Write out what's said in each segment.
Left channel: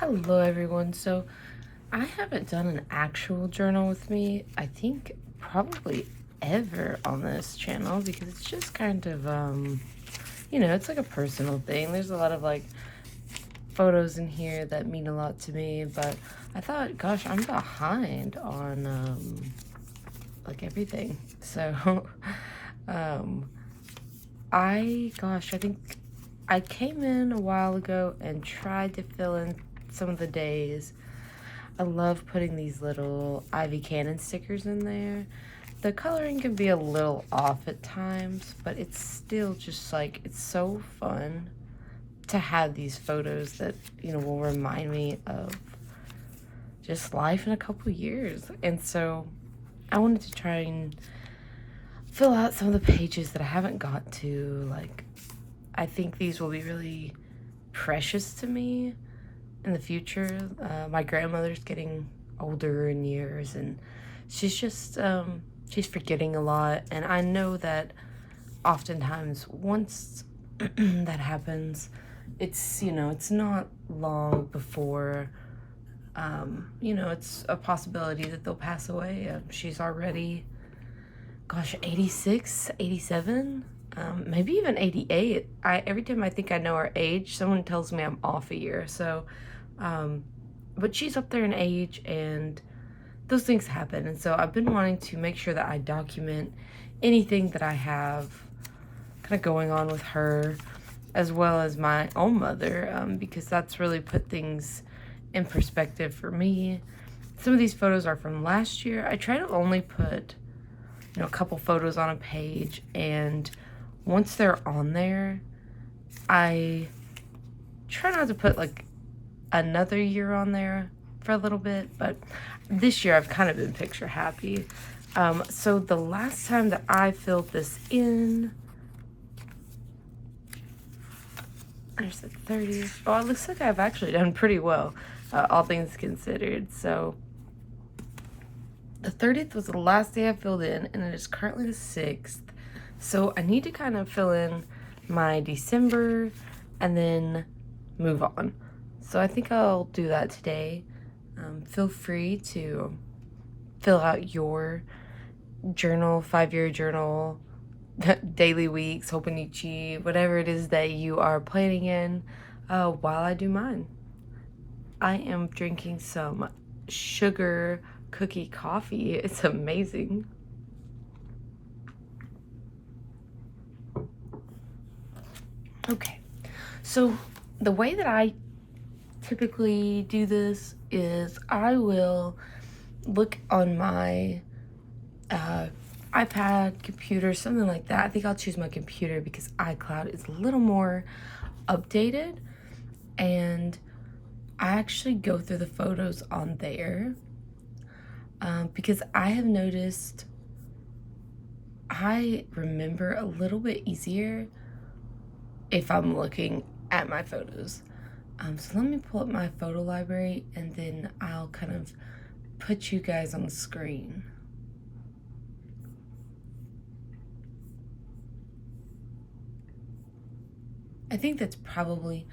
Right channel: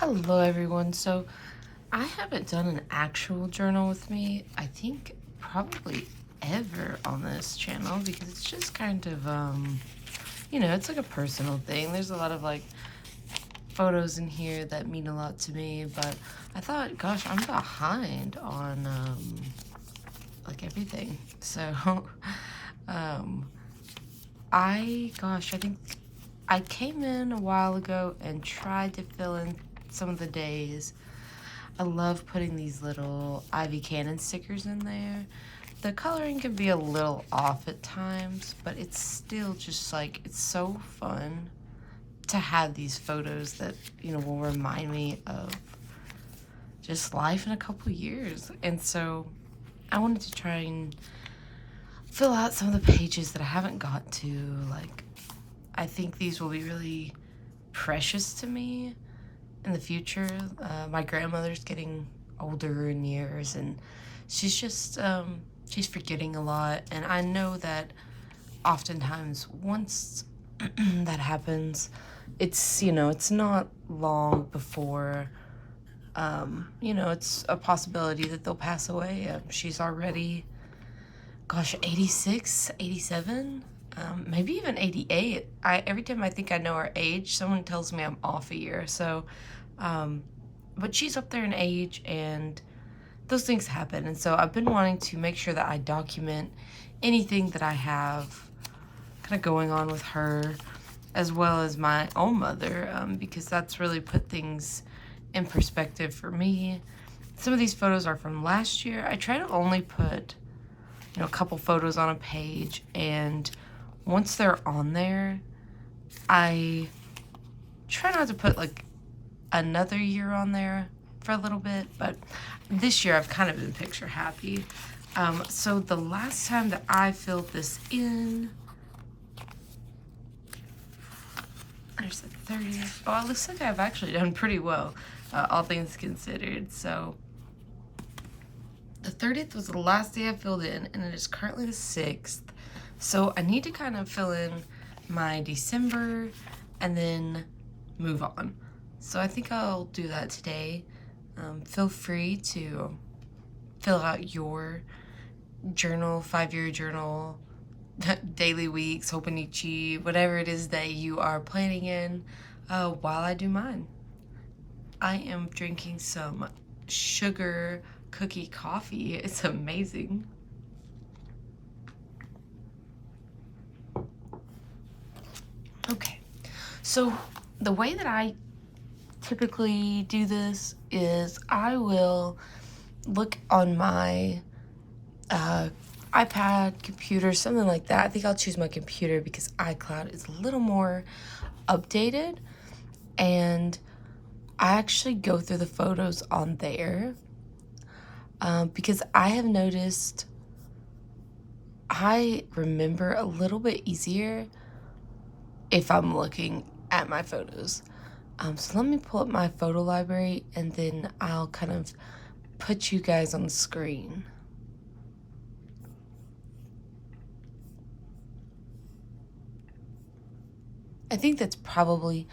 Hello everyone. So I haven't done an actual journal with me, I think probably ever on this channel, because it's just kind of it's like a personal thing. There's a lot of like photos in here that mean a lot to me, but I thought, gosh, I'm behind on like everything. So I think I came in a while ago and tried to fill in some of the days. I love putting these little Ivy Cannon stickers in there. The coloring can be a little off at times, but it's still just like, it's so fun to have these photos that, will remind me of just life in a couple years. And so I wanted to try and fill out some of the pages that I haven't got to. Like, I think these will be really precious to me in the future. My grandmother's getting older in years, and she's just she's forgetting a lot, and I know that oftentimes once that happens, it's not long before it's a possibility that they'll pass away. She's already, gosh, 86, 87, maybe even 88. Every time I think I know her age, someone tells me I'm off a year. So but she's up there in age, and those things happen. And so I've been wanting to make sure that I document anything that I have kind of going on with her, as well as my own mother, because that's really put things in perspective for me. Some of these photos are from last year. I try to only put, a couple photos on a page, and once they're on there, I try not to put like another year on there for a little bit, but this year I've kind of been picture happy. So the last time that I filled this in, there's the 30th. Oh, it looks like I've actually done pretty well, all things considered. So the 30th was the last day I filled in, and it is currently the 6th. So I need to kind of fill in my December and then move on. So I think I'll do that today. Feel free to fill out your journal, 5-year journal, daily weeks, Hononichi, whatever it is that you are planning in, while I do mine. I am drinking some sugar cookie coffee. It's amazing. Okay, so the way that I typically do this is I will look on my iPad, computer, something like that. I think I'll choose my computer because iCloud is a little more updated, and I actually go through the photos on there because I have noticed I remember a little bit easier if I'm looking at my photos. So let me pull up my photo library, and then I'll kind of put you guys on the screen. I think that's probably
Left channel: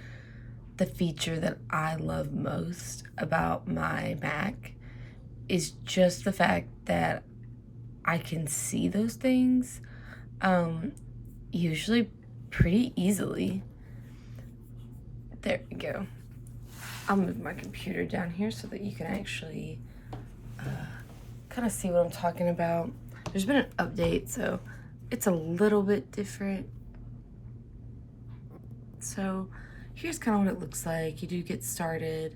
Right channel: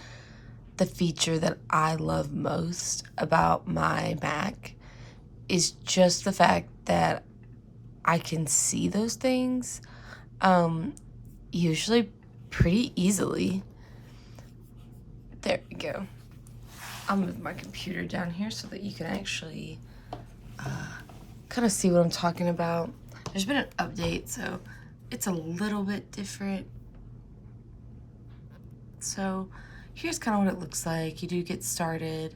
the feature that I love most about my Mac, is just the fact that I can see those things usually pretty easily. There we go. I'll move my computer down here so that you can actually kind of see what I'm talking about. There's been an update, so it's a little bit different. So here's kind of what it looks like. You do get started.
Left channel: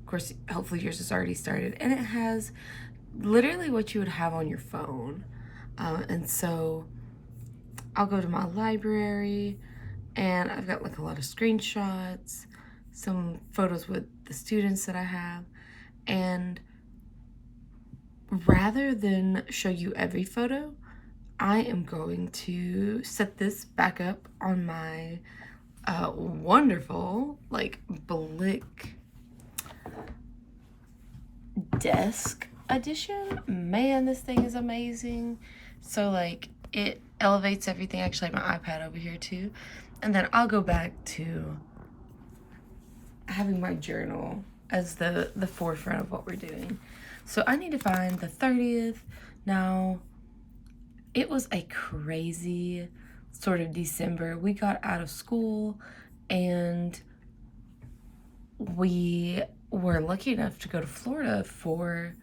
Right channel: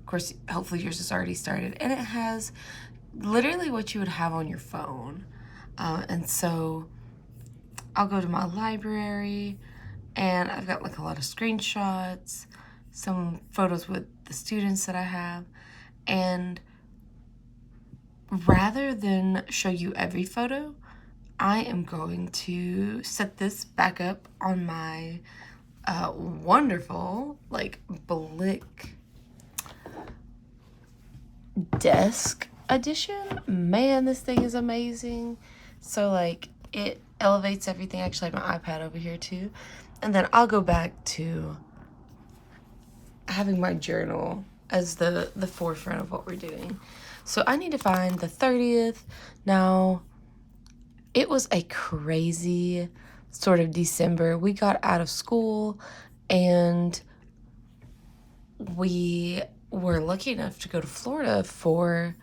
Of course, hopefully yours is already started. And it has literally what you would have on your phone. And so I'll go to my library, and I've got like a lot of screenshots, some photos with the students that I have. And rather than show you every photo, I am going to set this back up on my wonderful like Blick desk edition. Man, this thing is amazing. So like it elevates everything. Actually, I have my iPad over here too. And then I'll go back to having my journal as the forefront of what we're doing. So I need to find the 30th. Now, it was a crazy sort of December. We got out of school and we were lucky enough to go to Florida for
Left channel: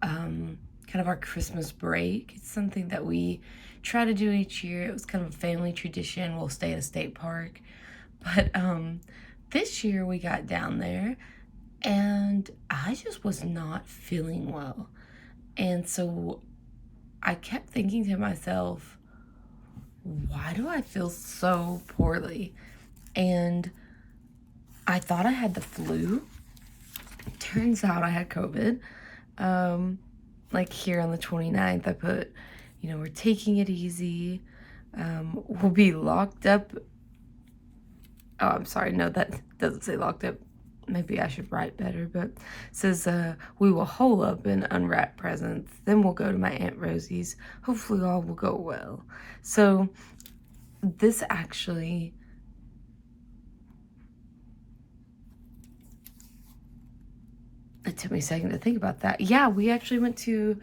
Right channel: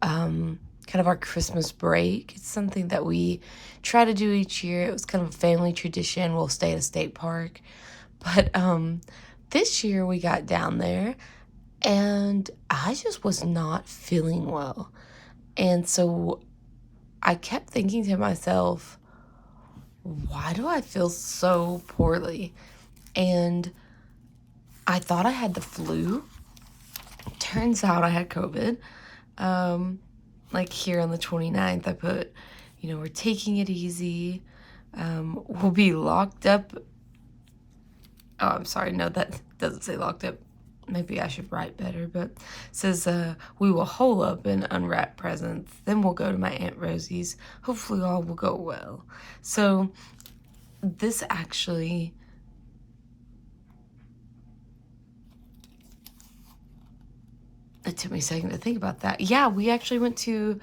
kind of our Christmas break. It's something that we try to do each year. It was kind of a family tradition. We'll stay at a state park. But this year we got down there and I just was not feeling well. And so I kept thinking to myself, why do I feel so poorly? And I thought I had the flu. Turns out I had COVID. Like here on the 29th, I put, we're taking it easy. We'll be locked up. Oh, I'm sorry. No, that doesn't say locked up. Maybe I should write better, but it says, we will hole up and unwrap presents. Then we'll go to my Aunt Rosie's. Hopefully all will go well. So this actually, it took me a second to think about that. Yeah, we actually went to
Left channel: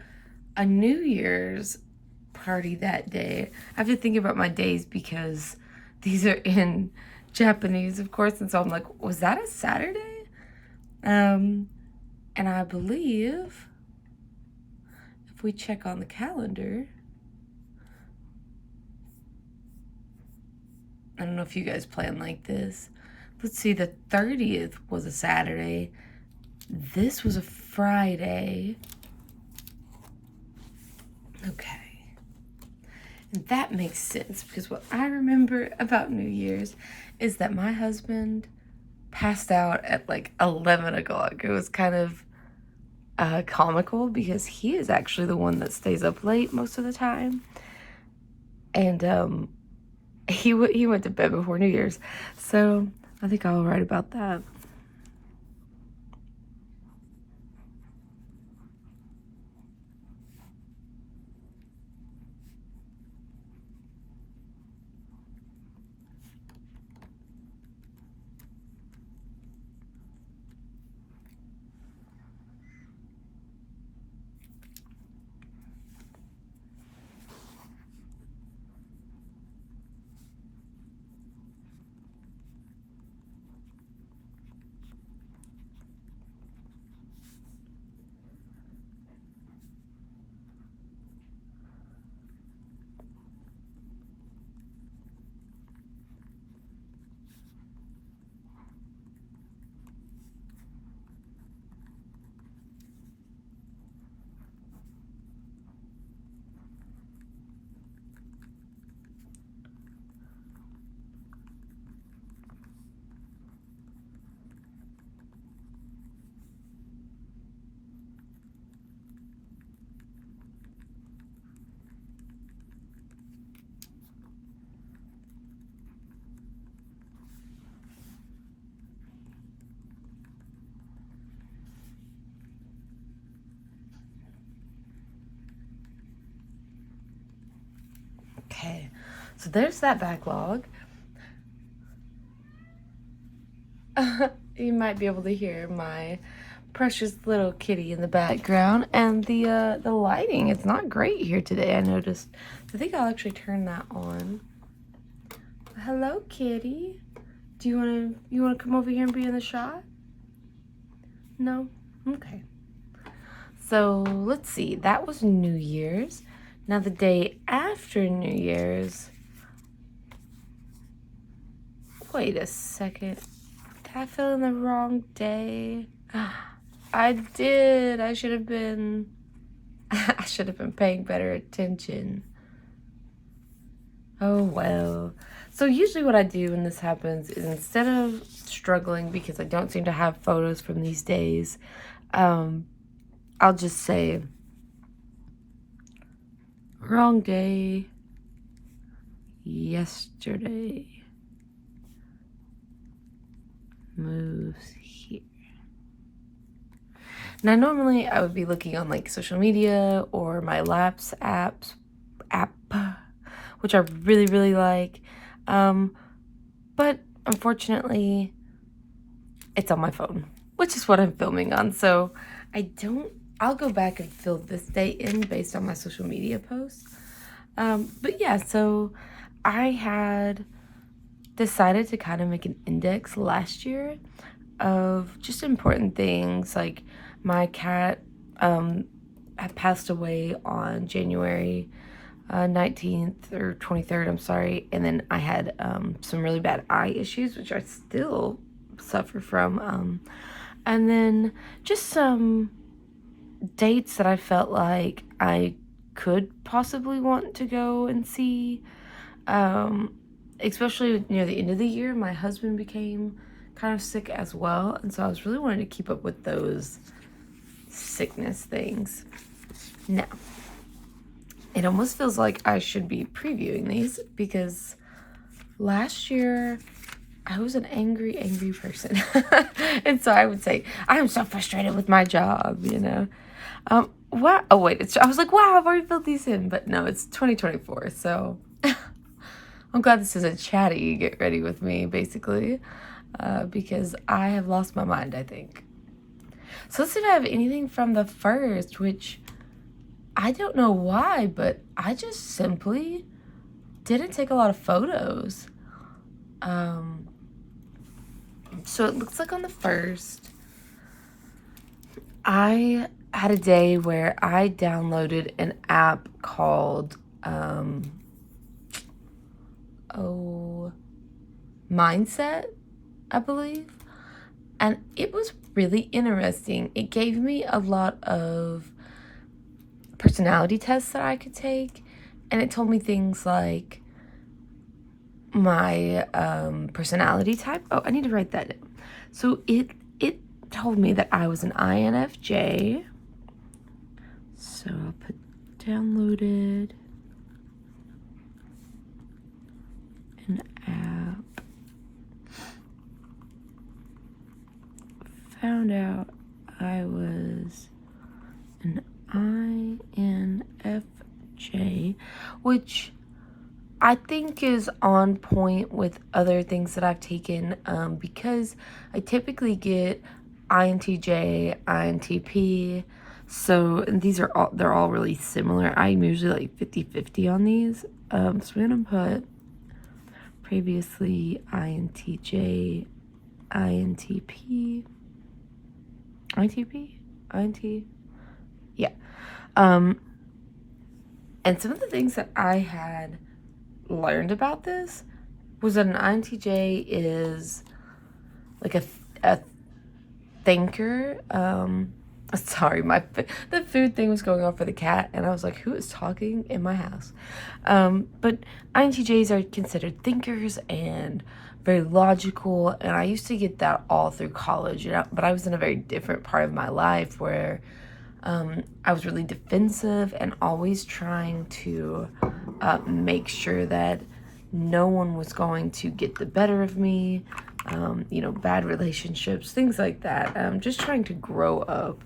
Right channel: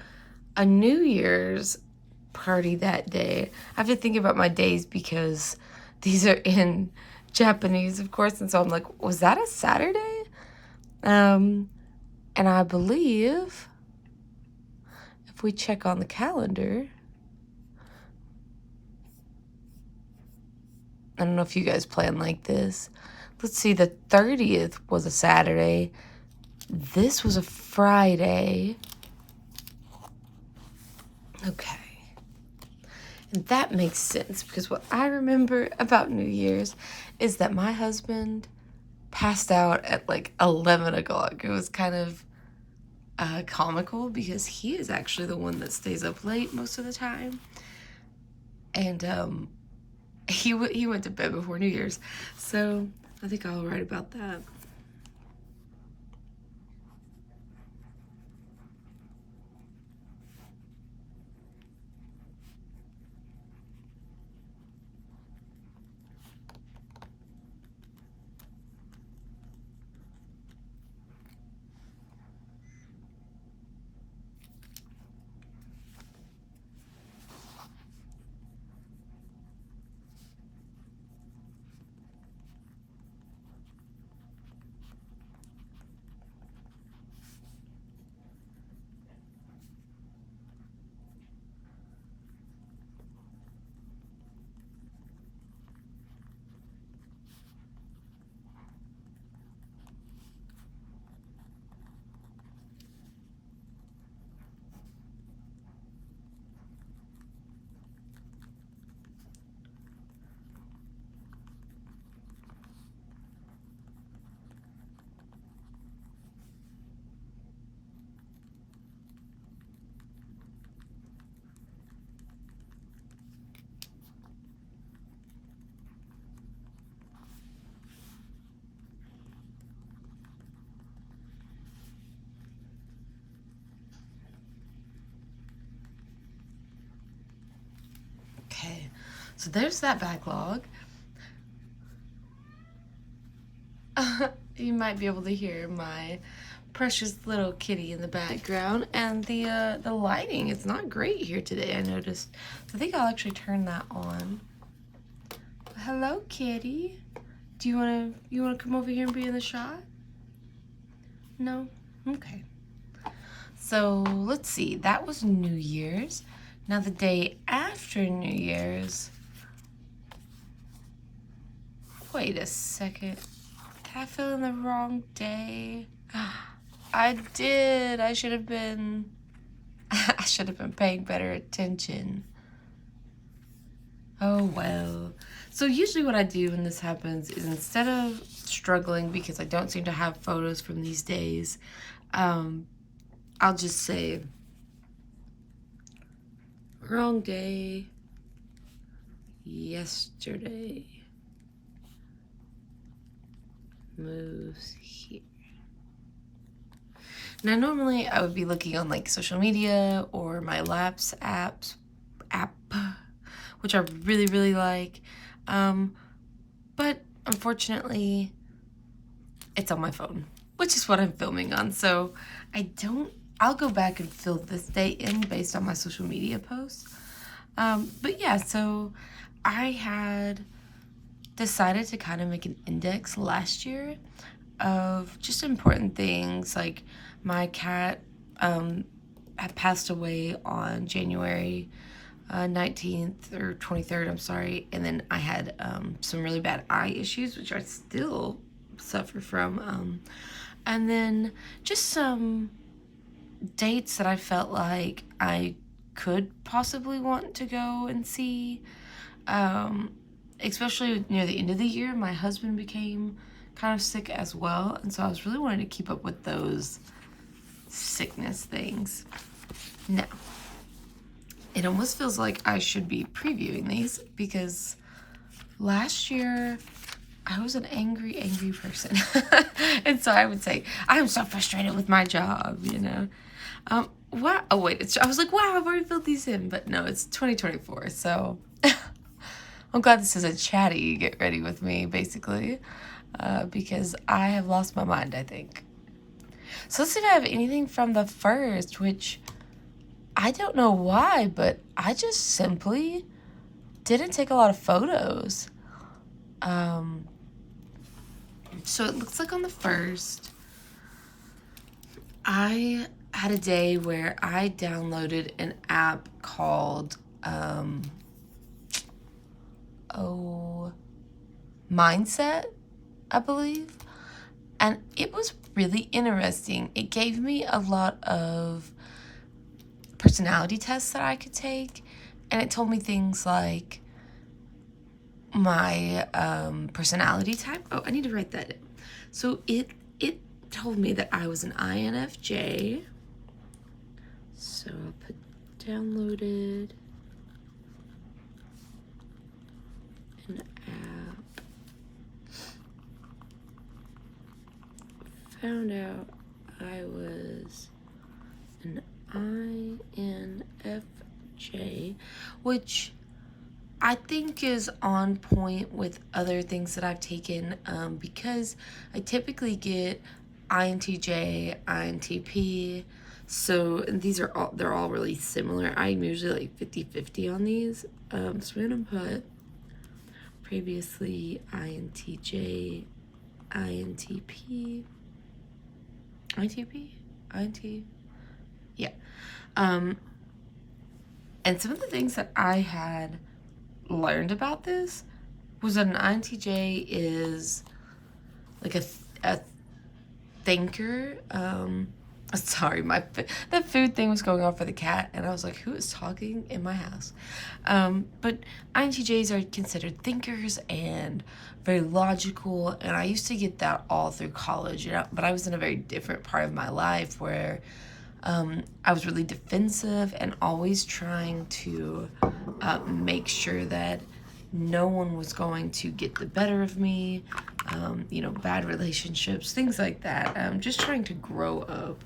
a New Year's party that day. I have to think about my days because these are in Japanese, of course, and so I'm like, was that a Saturday? And I believe if we check on the calendar, I don't know if you guys plan like this. Let's see, the 30th was a Saturday. This was a Friday. Okay. And that makes sense because what I remember about New Year's is that my husband passed out at like 11 o'clock. It was kind of comical because he is actually the one that stays up late most of the time. And he went to bed before New Year's. So I think I'll write about that. Okay, so there's that backlog. You might be able to hear my precious little kitty in the background, and the lighting is not great here today, I noticed. So I think I'll actually turn that on. Hello, kitty. Do you wanna come over here and be in the shot? No? Okay. So let's see, that was New Year's. Now the day after New Year's, wait a second. Did I fill in the wrong day? I did. I should have been paying better attention. Oh well. So usually what I do when this happens is instead of struggling because I don't seem to have photos from these days, I'll just say, wrong day, yesterday, moves here. Now normally I would be looking on like social media or my Laps app, which I really, really like. But unfortunately, it's on my phone. which is what I'm filming on. So I'll go back and fill this date in based on my social media posts. But yeah, so I had decided to kind of make an index last year of just important things. Like my cat had passed away on January 19th or 23rd, I'm sorry. And then I had some really bad eye issues, which I still suffer from. And then just some dates that I felt like I could possibly want to go and see. Especially near the end of the year, my husband became kind of sick as well. And so I was really wanting to keep up with those sickness things. Now, it almost feels like I should be previewing these because last year I was an angry person. And so I would say, I'm so frustrated with my job, you know. Wow. Oh, wait. I was like, wow, I've already filled these in. But no, it's 2024. So I'm glad this is a chatty get ready with me, basically, because I have lost my mind, I think. So let's see if I have anything from the first, which I don't know why, but I just simply didn't take a lot of photos. So it looks like on the first, I had a day where I downloaded an app called, Mindset, I believe. And it was really interesting. It gave me a lot of personality tests that I could take. And it told me things like my personality type. Oh, I need to write that down. So it told me that I was an INFJ. So I'll put downloaded an app. Found out I was an INFJ, which I think is on point with other things that I've taken, because I typically get INTJ, INTP, so they're all really similar. I'm usually like 50-50 on these. So we're gonna put previously INTJ, INTP, yeah. And some of the things that I had learned about this was that an INTJ is like a thinker. Sorry, the food thing was going on for the cat, and I was like, who is talking in my house? But INTJs are considered thinkers and very logical, and I used to get that all through college, you know, but I was in a very different part of my life where I was really defensive and always trying to make sure that no one was going to get the better of me, you know, bad relationships, things like that. Just trying to grow up.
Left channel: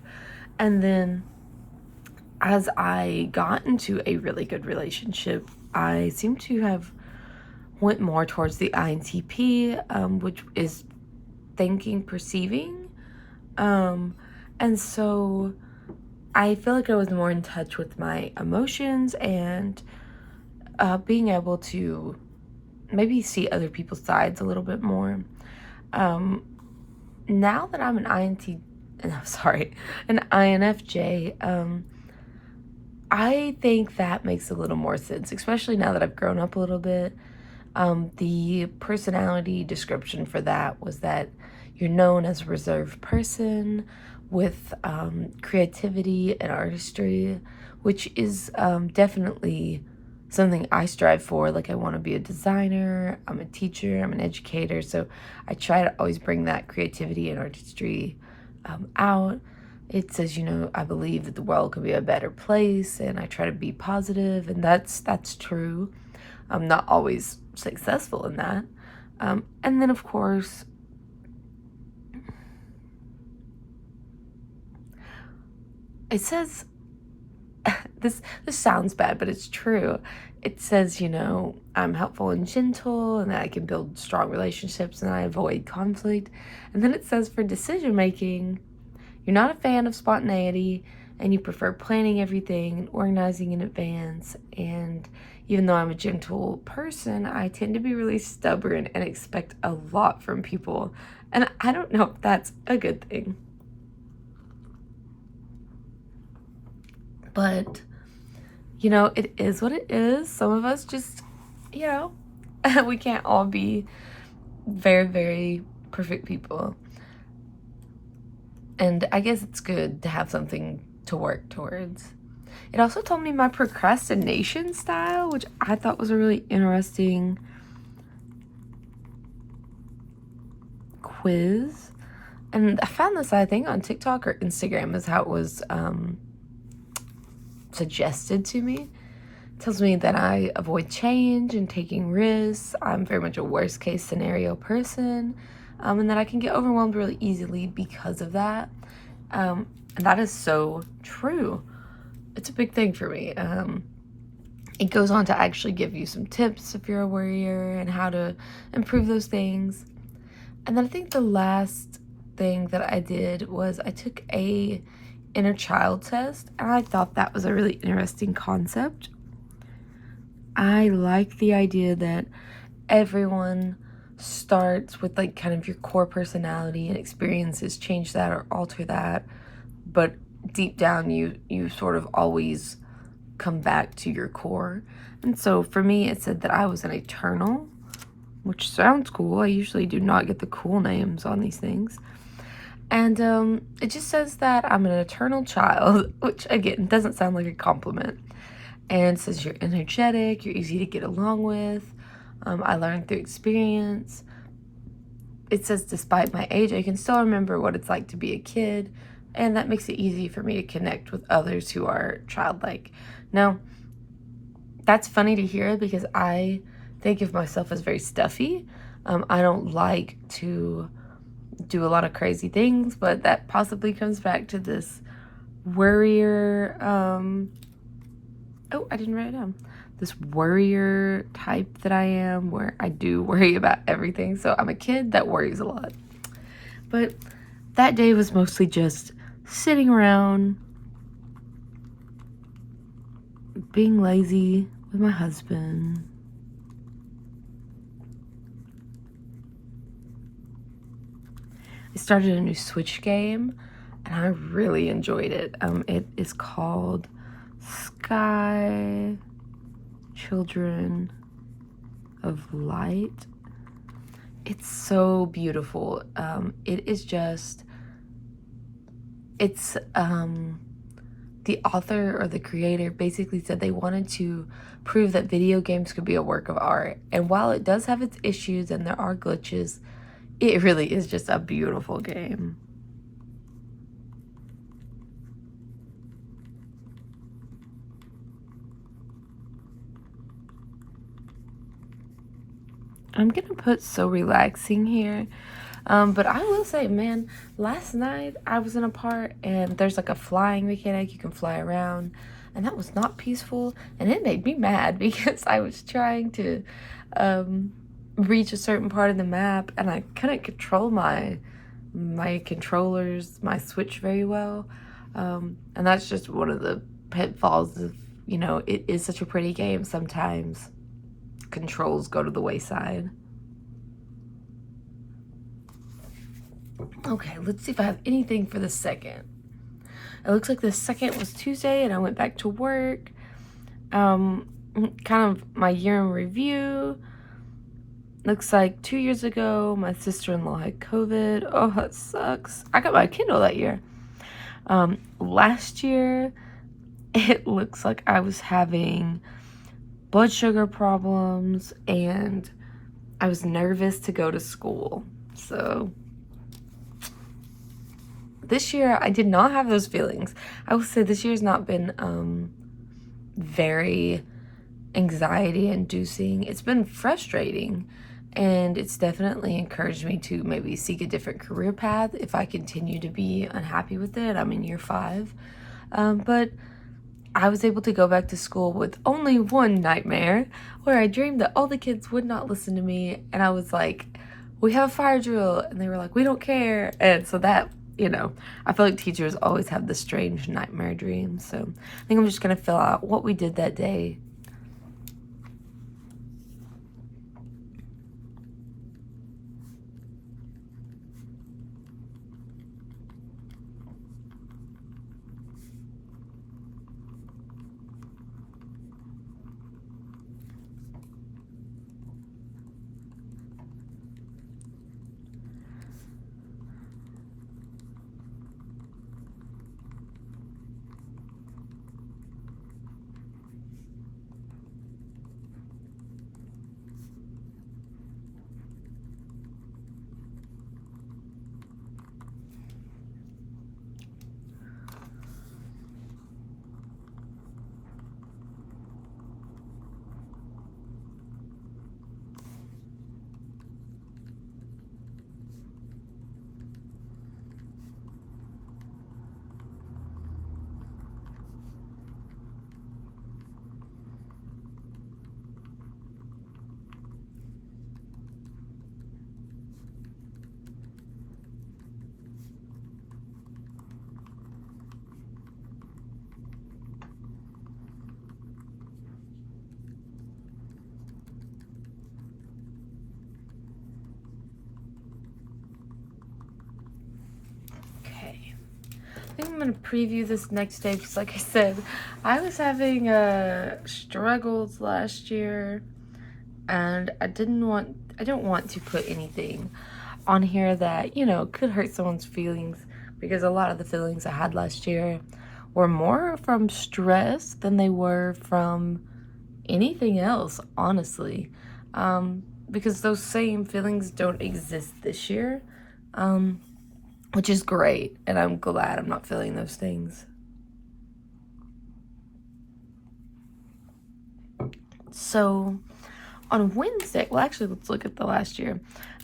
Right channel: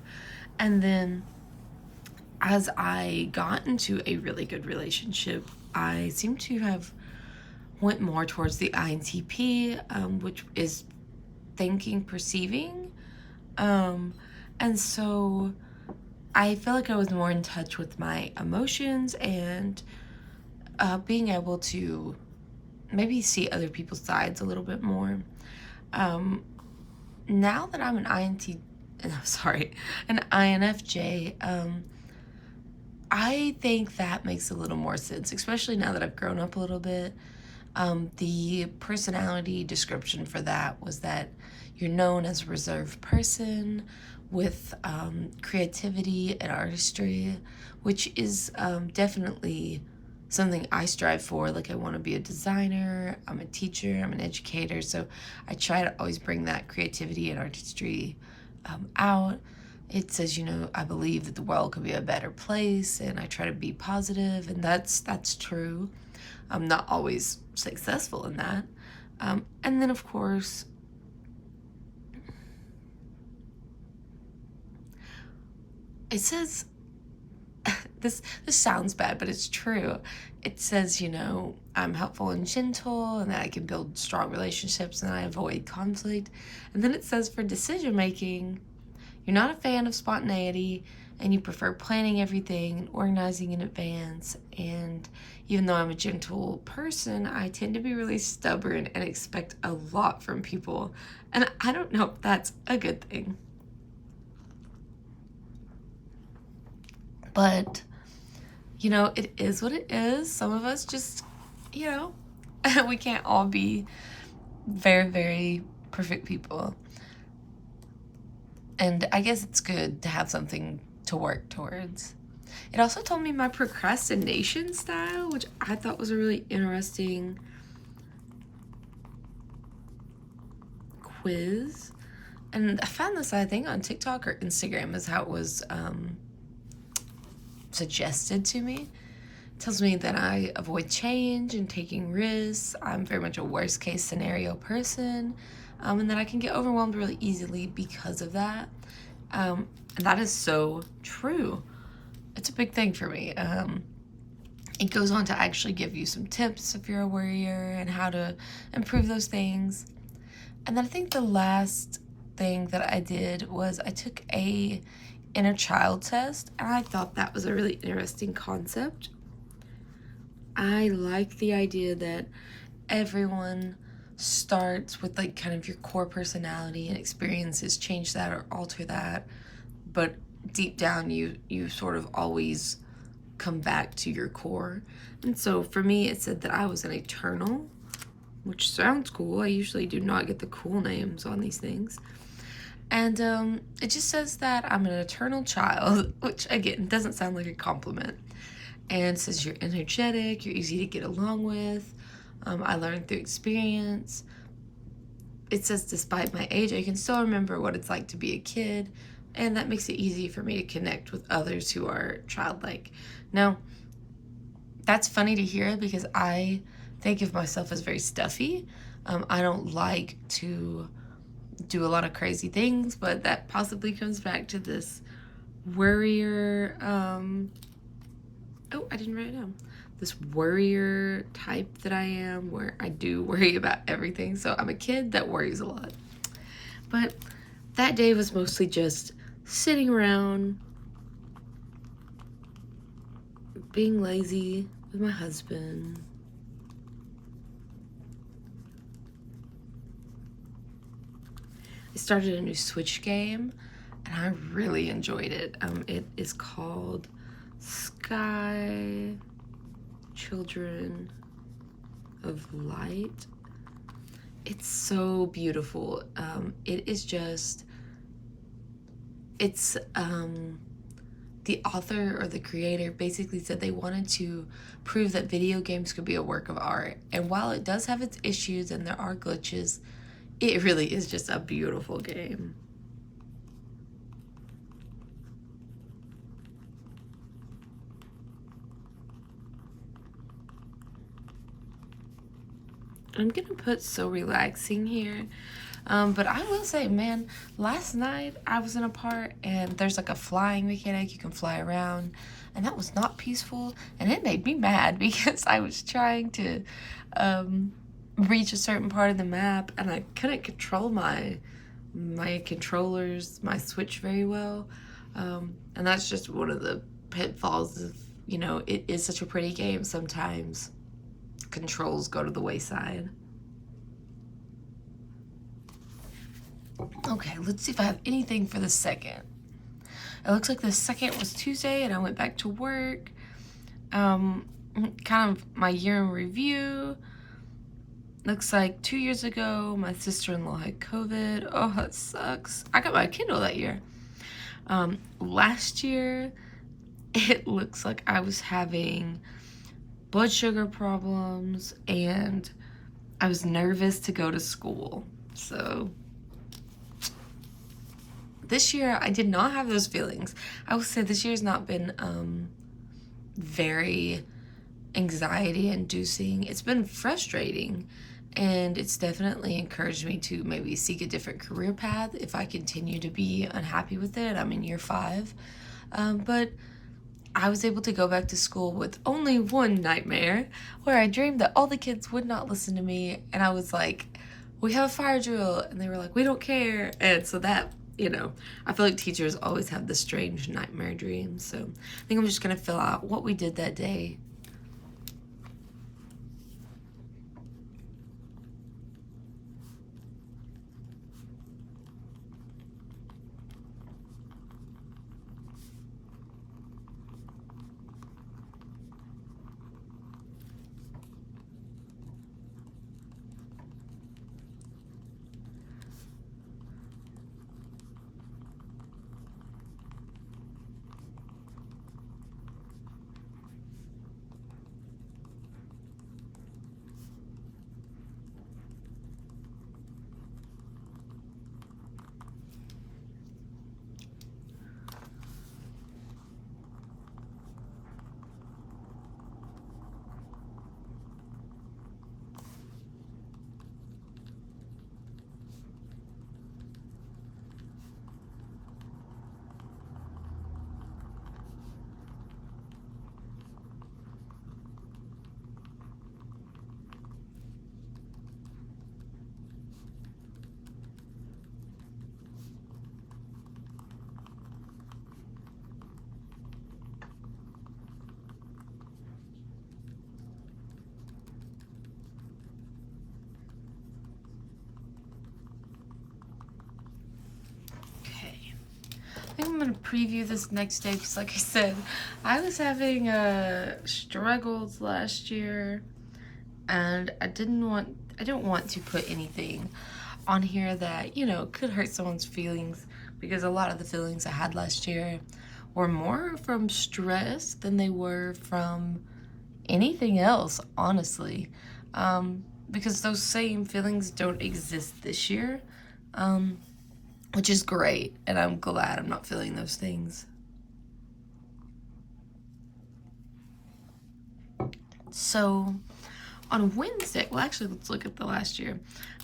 And then as I got into a really good relationship, I seem to have went more towards the INTP, which is thinking, perceiving. And so I feel like I was more in touch with my emotions and being able to maybe see other people's sides a little bit more. Now that I'm an INFJ, I think that makes a little more sense, especially now that I've grown up a little bit. The personality description for that was that you're known as a reserved person with creativity and artistry, which is definitely something I strive for. Like, I want to be a designer, I'm a teacher, I'm an educator, so I try to always bring that creativity and artistry out. It says, you know, I believe that the world could be a better place, and I try to be positive, and that's true. I'm not always successful in that. And then, of course, it says this sounds bad, but it's true. It says, you know, I'm helpful and gentle, and that I can build strong relationships, and I avoid conflict. And then it says for decision making, you're not a fan of spontaneity, and you prefer planning everything and organizing in advance. And even though I'm a gentle person, I tend to be really stubborn and expect a lot from people. And I don't know if that's a good thing. But, you know, it is what it is. Some of us just, you know, we can't all be very, very perfect people. And I guess it's good to have something to work towards. It also told me my procrastination style, which I thought was a really interesting quiz. And I found this, I think, on TikTok or Instagram is how it was suggested to me. It tells me that I avoid change and taking risks. I'm very much a worst case scenario person, and that I can get overwhelmed really easily because of that. And that is so true. It's a big thing for me. It goes on to actually give you some tips if you're a worrier and how to improve those things. And then I think the last thing that I did was I took a inner child test, and I thought that was a really interesting concept. I like the idea that everyone starts with like kind of your core personality, and experiences change that or alter that, but deep down you sort of always come back to your core. And so for me, it said that I was an eternal, which sounds cool. I usually do not get the cool names on these things. And it just says that I'm an eternal child, which again doesn't sound like a compliment. And it says you're energetic, you're easy to get along with. I learned through experience. It says despite my age, I can still remember what it's like to be a kid, and that makes it easy for me to connect with others who are childlike. Now, that's funny to hear because I think of myself as very stuffy. I don't like to do a lot of crazy things, but that possibly comes back to this worrier, oh, I didn't write it down. This worrier type that I am, where I do worry about everything. So I'm a kid that worries a lot. But that day was mostly just sitting around, being lazy with my husband. I started a new Switch game, and I really enjoyed it. It is called Sky Children of Light. It's so beautiful. It is just, it's, the author or the creator basically said they wanted to prove that video games could be a work of art. And while it does have its issues and there are glitches, it really is just a beautiful game. I'm gonna put so relaxing here. But I will say, man, last night I was in a part and there's like a flying mechanic. You can fly around, and that was not peaceful, and it made me mad because I was trying to reach a certain part of the map, and I couldn't control my controllers, my Switch very well. And that's just one of the pitfalls of, you know, it is such a pretty game. Sometimes controls go to the wayside. Okay, let's see if I have anything for the second. It looks like the second was Tuesday, and I went back to work. Kind of my year in review. Looks like 2 years ago, my sister-in-law had COVID. Oh, that sucks. I got my Kindle that year. Last year, it looks like I was having blood sugar problems, and I was nervous to go to school. So this year, I did not have those feelings. I will say this year's not been very anxiety-inducing. It's been frustrating, and it's definitely encouraged me to maybe seek a different career path if I continue to be unhappy with it. I'm in year 5. But I was able to go back to school with only one nightmare where I dreamed that all the kids would not listen to me, and I was like, we have a fire drill, and they were like, we don't care. And so that, you know, I feel like teachers always have the strange nightmare dreams. So I think I'm just gonna fill out what we did that day. I think I'm gonna preview this next day because, like I said, I was having struggles last year, and I don't want to put anything on here that, you know, could hurt someone's feelings, because a lot of the feelings I had last year were more from stress than they were from anything else, honestly. Because those same feelings don't exist this year. Which is great, and I'm glad I'm not feeling those things. So, on Wednesday, well, actually, let's look at the last year.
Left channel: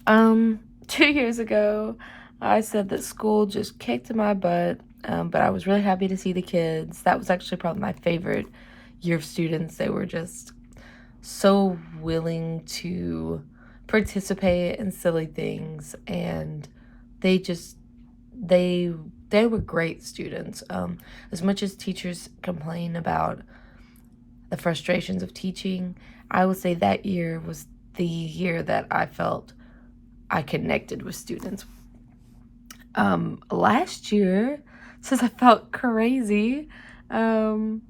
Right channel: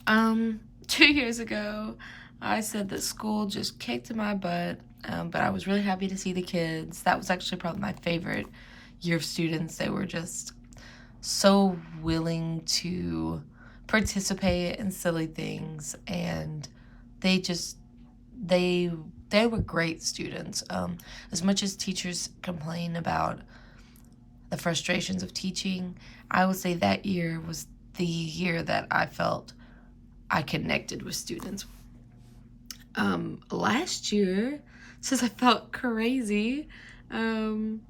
2 years ago, I said that school just kicked my butt, but I was really happy to see the kids. That was actually probably my favorite year of students. They were just so willing to participate in silly things, and they just they were great students. As much as teachers complain about the frustrations of teaching, I would say that year was the year that I felt I connected with students. Last year, since I felt crazy, and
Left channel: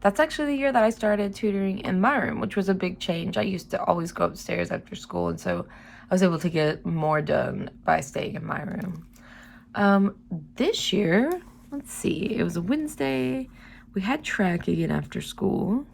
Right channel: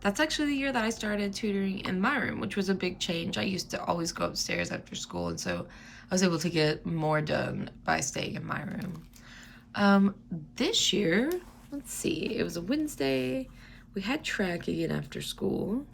that's actually the year that I started tutoring in my room, which was a big change. I used to always go upstairs after school, and so I was able to get more done by staying in my room. This year, let's see, it was a Wednesday. We had track again after school.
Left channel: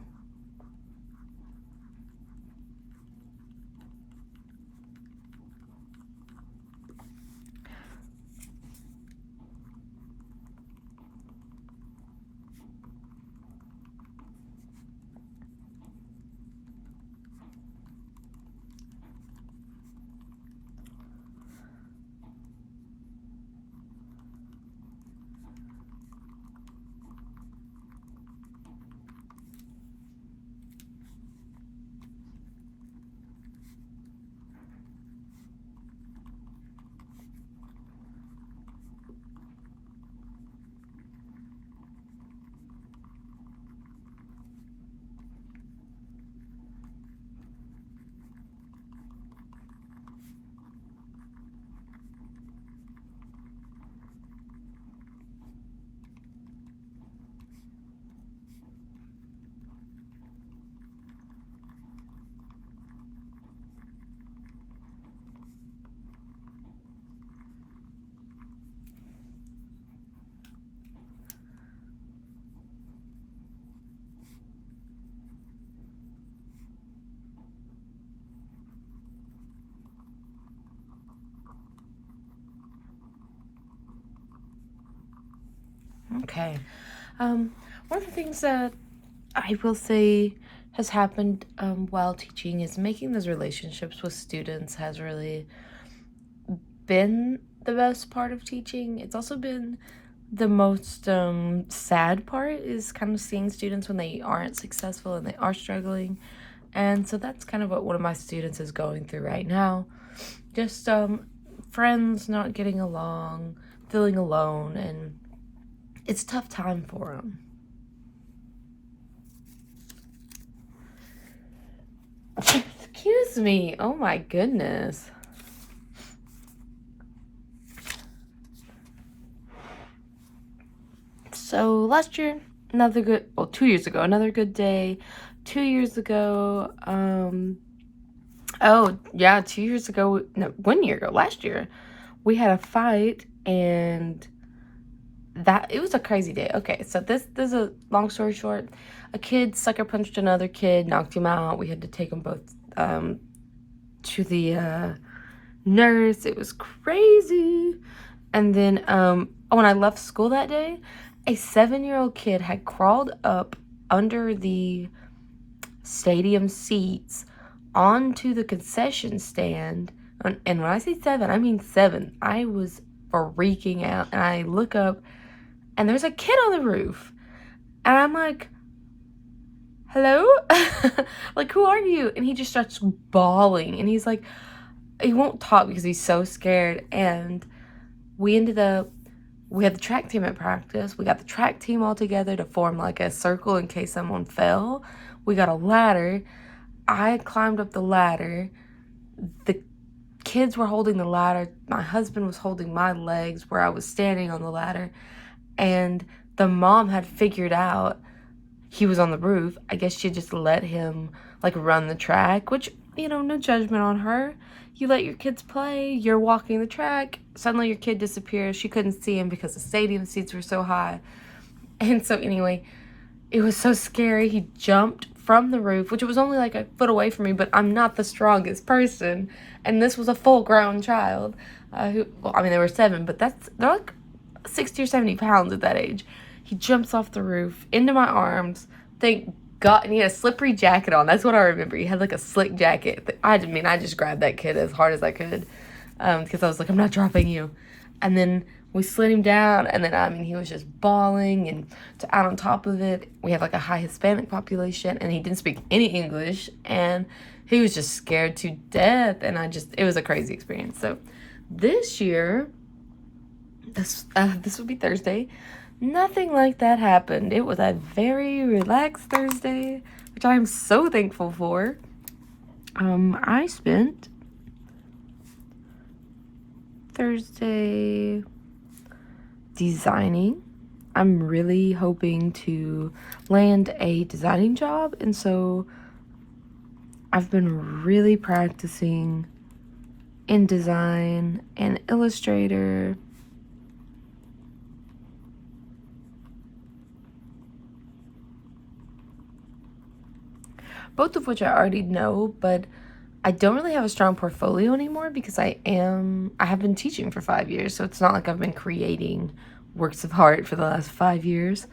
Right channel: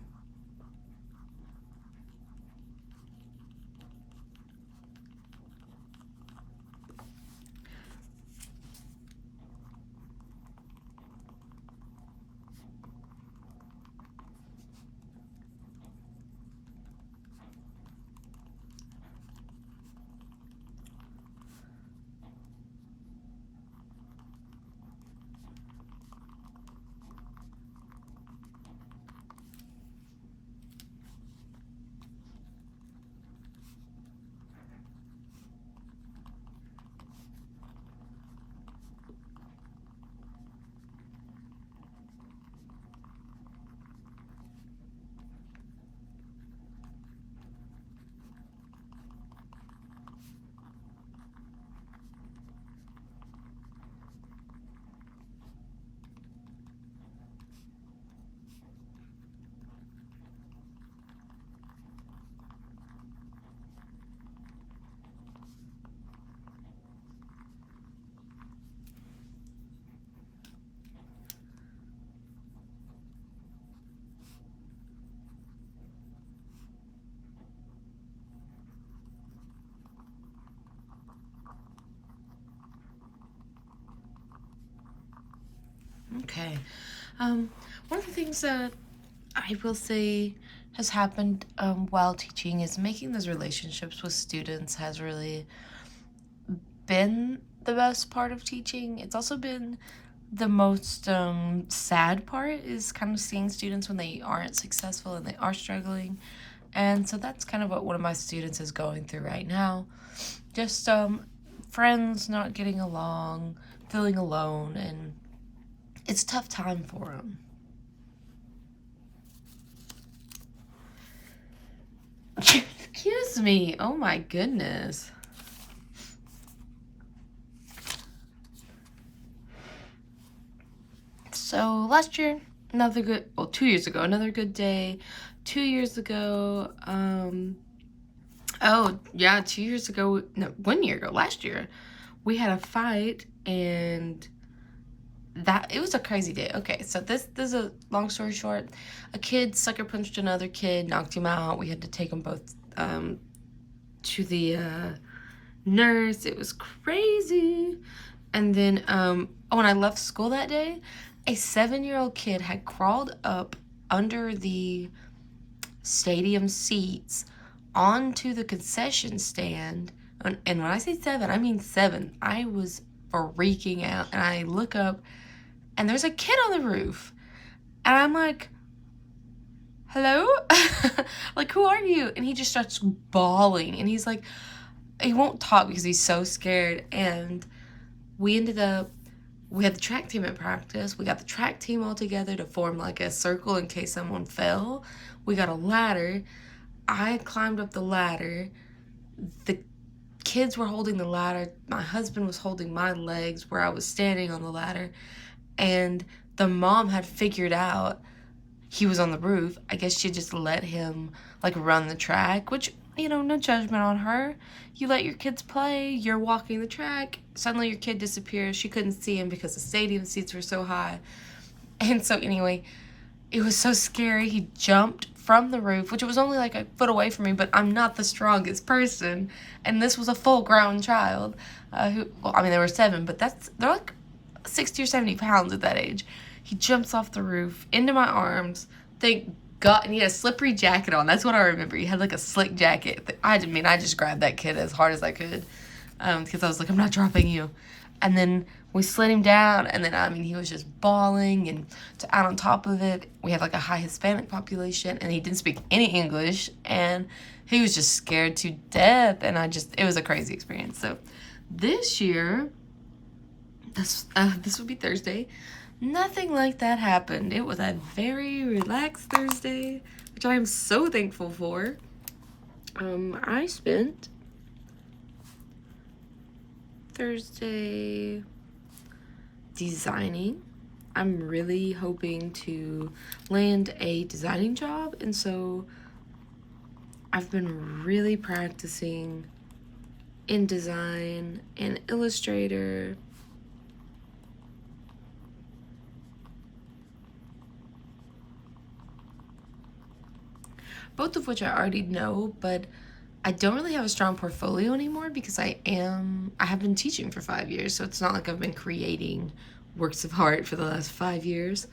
Okay. One of the things that I will say has happened while teaching is making those relationships with students has really been the best part of teaching. It's also been the most sad part is kind of seeing students when they aren't successful and they are struggling. And so that's kind of what one of my students is going through right now. Just friends not getting along, feeling alone, and it's a tough time for them. Excuse me. Oh my goodness. So last year, another good, well, 2 years ago, another good day. 2 years ago, oh yeah, 2 years ago, no, 1 year ago, last year, we had a fight, and it was a crazy day. Okay, so this is a long story short. A kid sucker punched another kid, knocked him out. We had to take them both to the nurse. It was crazy. And then when I left school that day, a 7-year-old kid had crawled up under the stadium seats onto the concession stand. And when I say 7, I mean 7. I was freaking out. And I look up, and there's a kid on the roof. And I'm like, hello? Like, who are you? And he just starts bawling. And he's like, he won't talk because he's so scared. And we had the track team at practice. We got the track team all together to form like a circle in case someone fell. We got a ladder. I climbed up the ladder. The kids were holding the ladder. My husband was holding my legs where I was standing on the ladder. And the mom had figured out he was on the roof. I guess she just let him like run the track, which, you know, no judgment on her. You let your kids play, you're walking the track, suddenly your kid disappears. She couldn't see him because the stadium seats were so high. And so anyway, it was so scary. He jumped from the roof, which was only like a foot away from me, but I'm not the strongest person. And this was a full-grown child who, well, I mean, they were 7, but they're like 60 or 70 pounds at that age. He jumps off the roof into my arms. Thank God. And he had a slippery jacket on. That's what I remember. He had like a slick jacket. I just grabbed that kid as hard as I could because I was like, I'm not dropping you. And then we slid him down, and then, I mean, he was just bawling, and to add on top of it, we have like a high Hispanic population, and he didn't speak any English, and he was just scared to death, and it was a crazy experience. So this year, this would be Thursday, nothing like that happened. It was a very relaxed Thursday, which I'm so thankful for. I spent Thursday designing. I'm really hoping to land a designing job, and so I've been really practicing InDesign and Illustrator. Both of which I already know, but I don't really have a strong portfolio anymore because I have been teaching for 5 years, so it's not like I've been creating works of art for the last 5 years.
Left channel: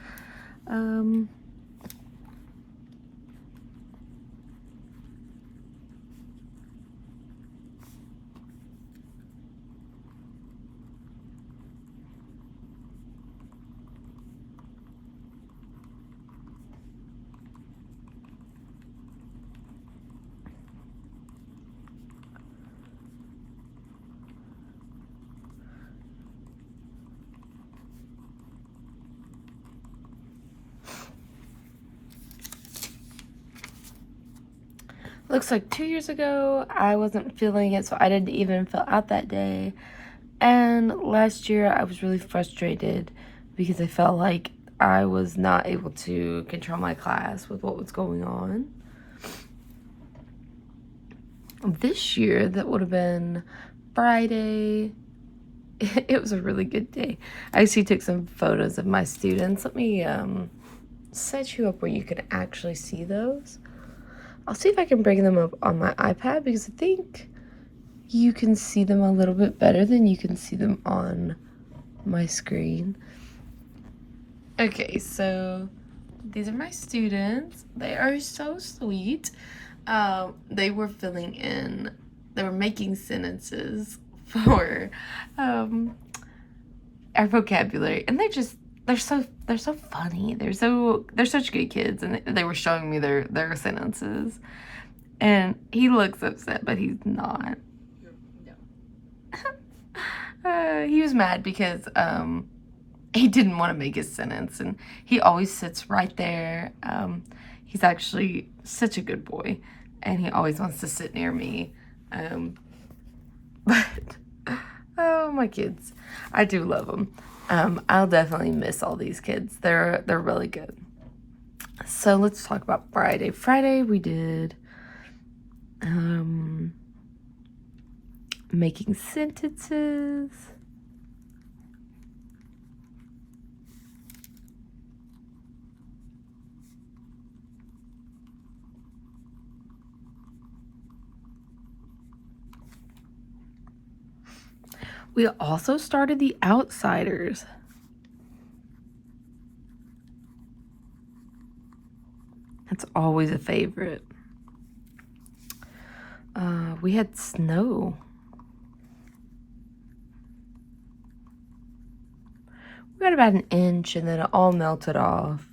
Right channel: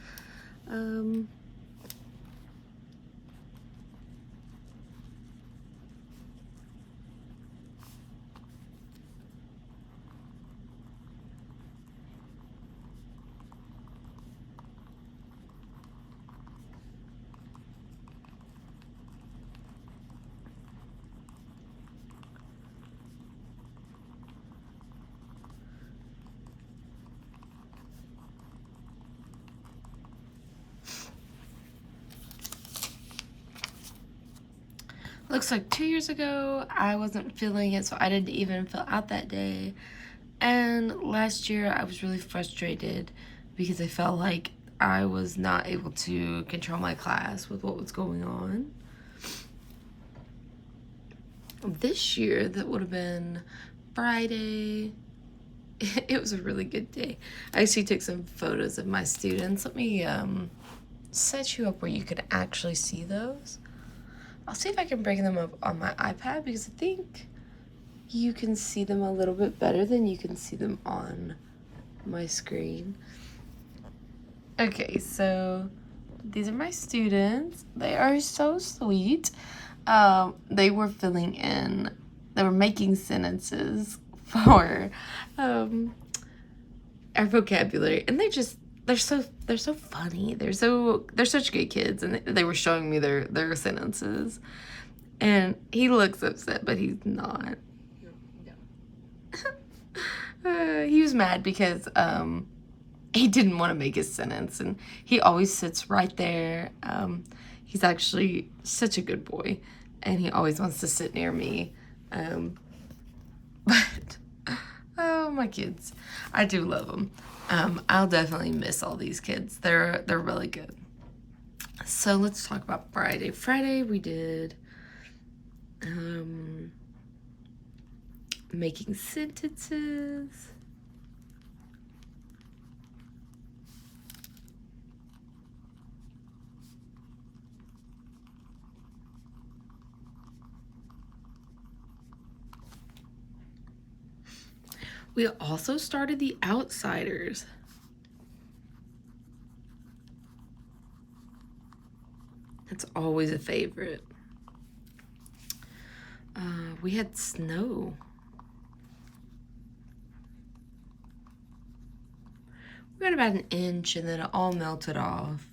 Looks like 2 years ago, I wasn't feeling it, so I didn't even fill out that day. And last year, I was really frustrated because I felt like I was not able to control my class with what was going on. This year, that would have been Friday. It was a really good day. I actually took some photos of my students. Let me set you up where you can actually see those. I'll see if I can bring them up on my iPad because I think you can see them a little bit better than you can see them on my screen. Okay, so these are my students. They are so sweet. They were they were making sentences for our vocabulary, and they're so funny. They're such good kids, and they were showing me their sentences, and he looks upset, but he's not. He was mad because he didn't want to make his sentence, and he always sits right there. He's actually such a good boy, and he always wants to sit near me. But oh, my kids, I do love them. I'll definitely miss all these kids. They're really good. So let's talk about Friday. Friday we did making sentences. We also started The Outsiders. That's always a favorite. We had snow. We got about an inch and then it all melted off.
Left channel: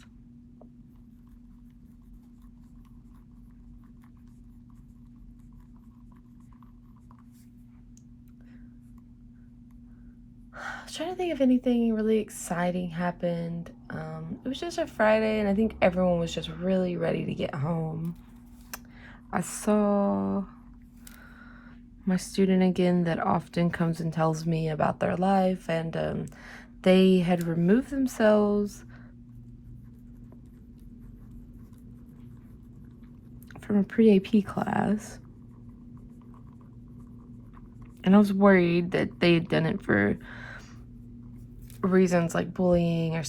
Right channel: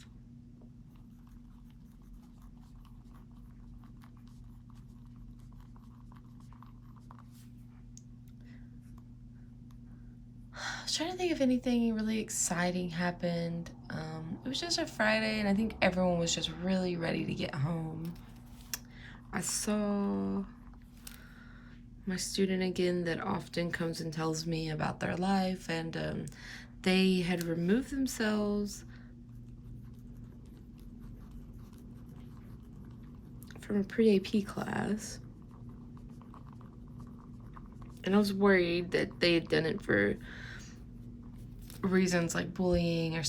I was trying to think if anything really exciting happened. It was just a Friday, and I think everyone was just really ready to get home. I saw my student again that often comes and tells me about their life, and they had removed themselves from a pre-AP class. And I was worried that they had done it for reasons like bullying or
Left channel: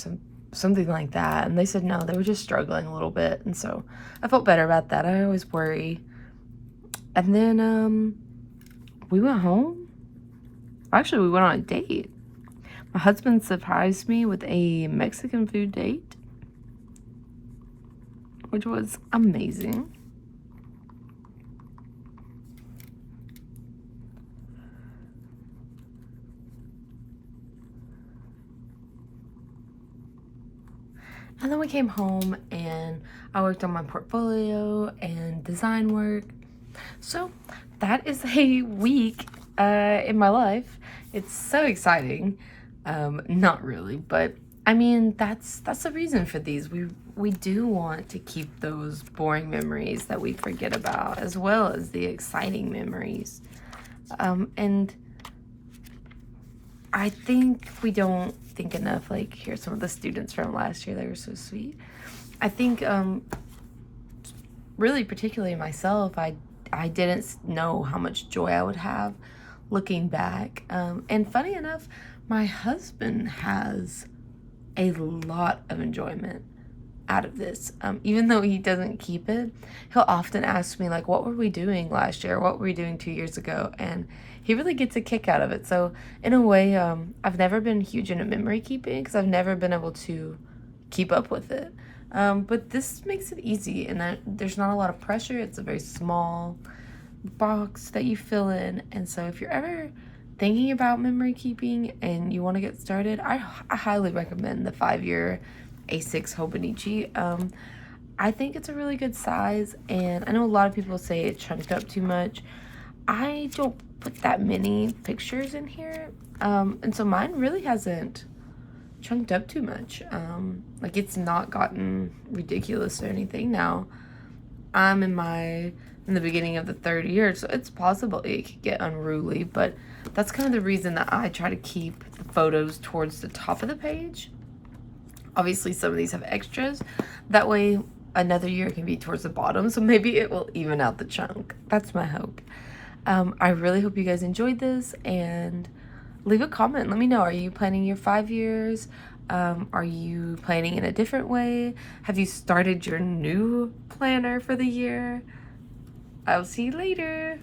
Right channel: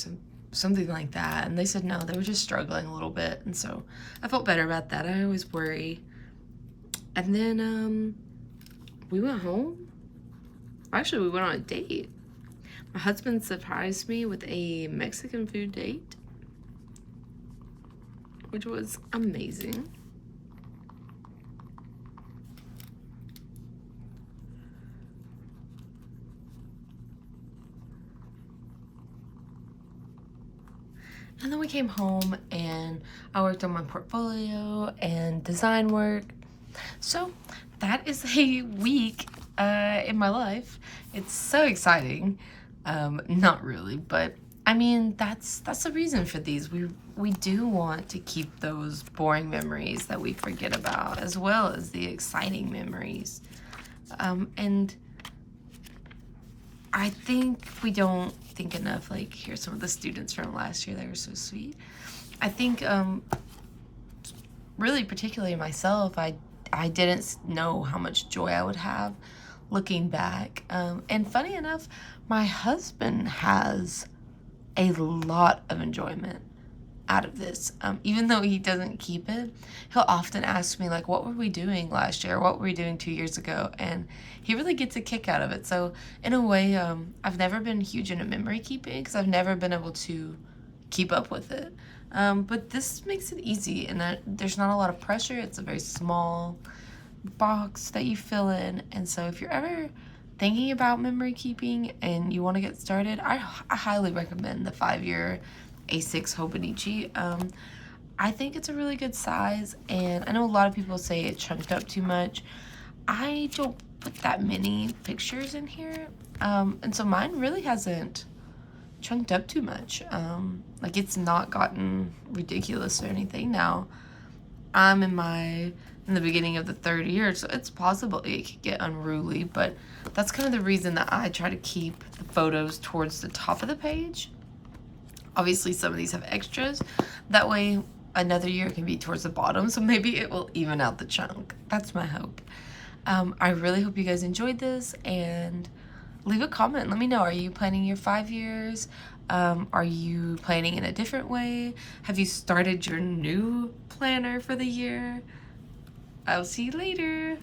something like that. And they said no, they were just struggling a little bit. And so I felt better about that. I always worry. And then we went home. Actually, we went on a date. My husband surprised me with a Mexican food date, which was amazing. And then we came home and I worked on my portfolio and design work. So that is a week in my life. It's so exciting. Not really, but I mean, that's the reason for these. We do want to keep those boring memories that we forget about, as well as the exciting memories. And I think we don't think enough, like, here's some of the students from last year, they were so sweet. I think, really, particularly myself, I didn't know how much joy I would have looking back. And funny enough, my husband has a lot of enjoyment out of this. Even though he doesn't keep it, he'll often ask me, like, what were we doing last year? What were we doing 2 years ago? And he really gets a kick out of it. So in a way, I've never been huge into memory keeping because I've never been able to keep up with it. But this makes it easy, and there's not a lot of pressure. It's a very small box that you fill in. And so if you're ever thinking about memory keeping and you want to get started, I highly recommend the 5-year A6 Hononichi. I think it's a really good size, and I know a lot of people say it chunked up too much. I don't put that many pictures in here, and so mine really hasn't chunked up too much. Like, it's not gotten ridiculous or anything. Now I'm in the beginning of the 3rd year, so it's possible it could get unruly, but that's kind of the reason that I try to keep the photos towards the top of the page. Obviously, some of these have extras. That way, another year can be towards the bottom, so maybe it will even out the chunk. That's my hope. I really hope you guys enjoyed this, and leave a comment. Let me know. Are you planning your 5 years? Are you planning in a different way? Have you started your new planner for the year? I'll see you later.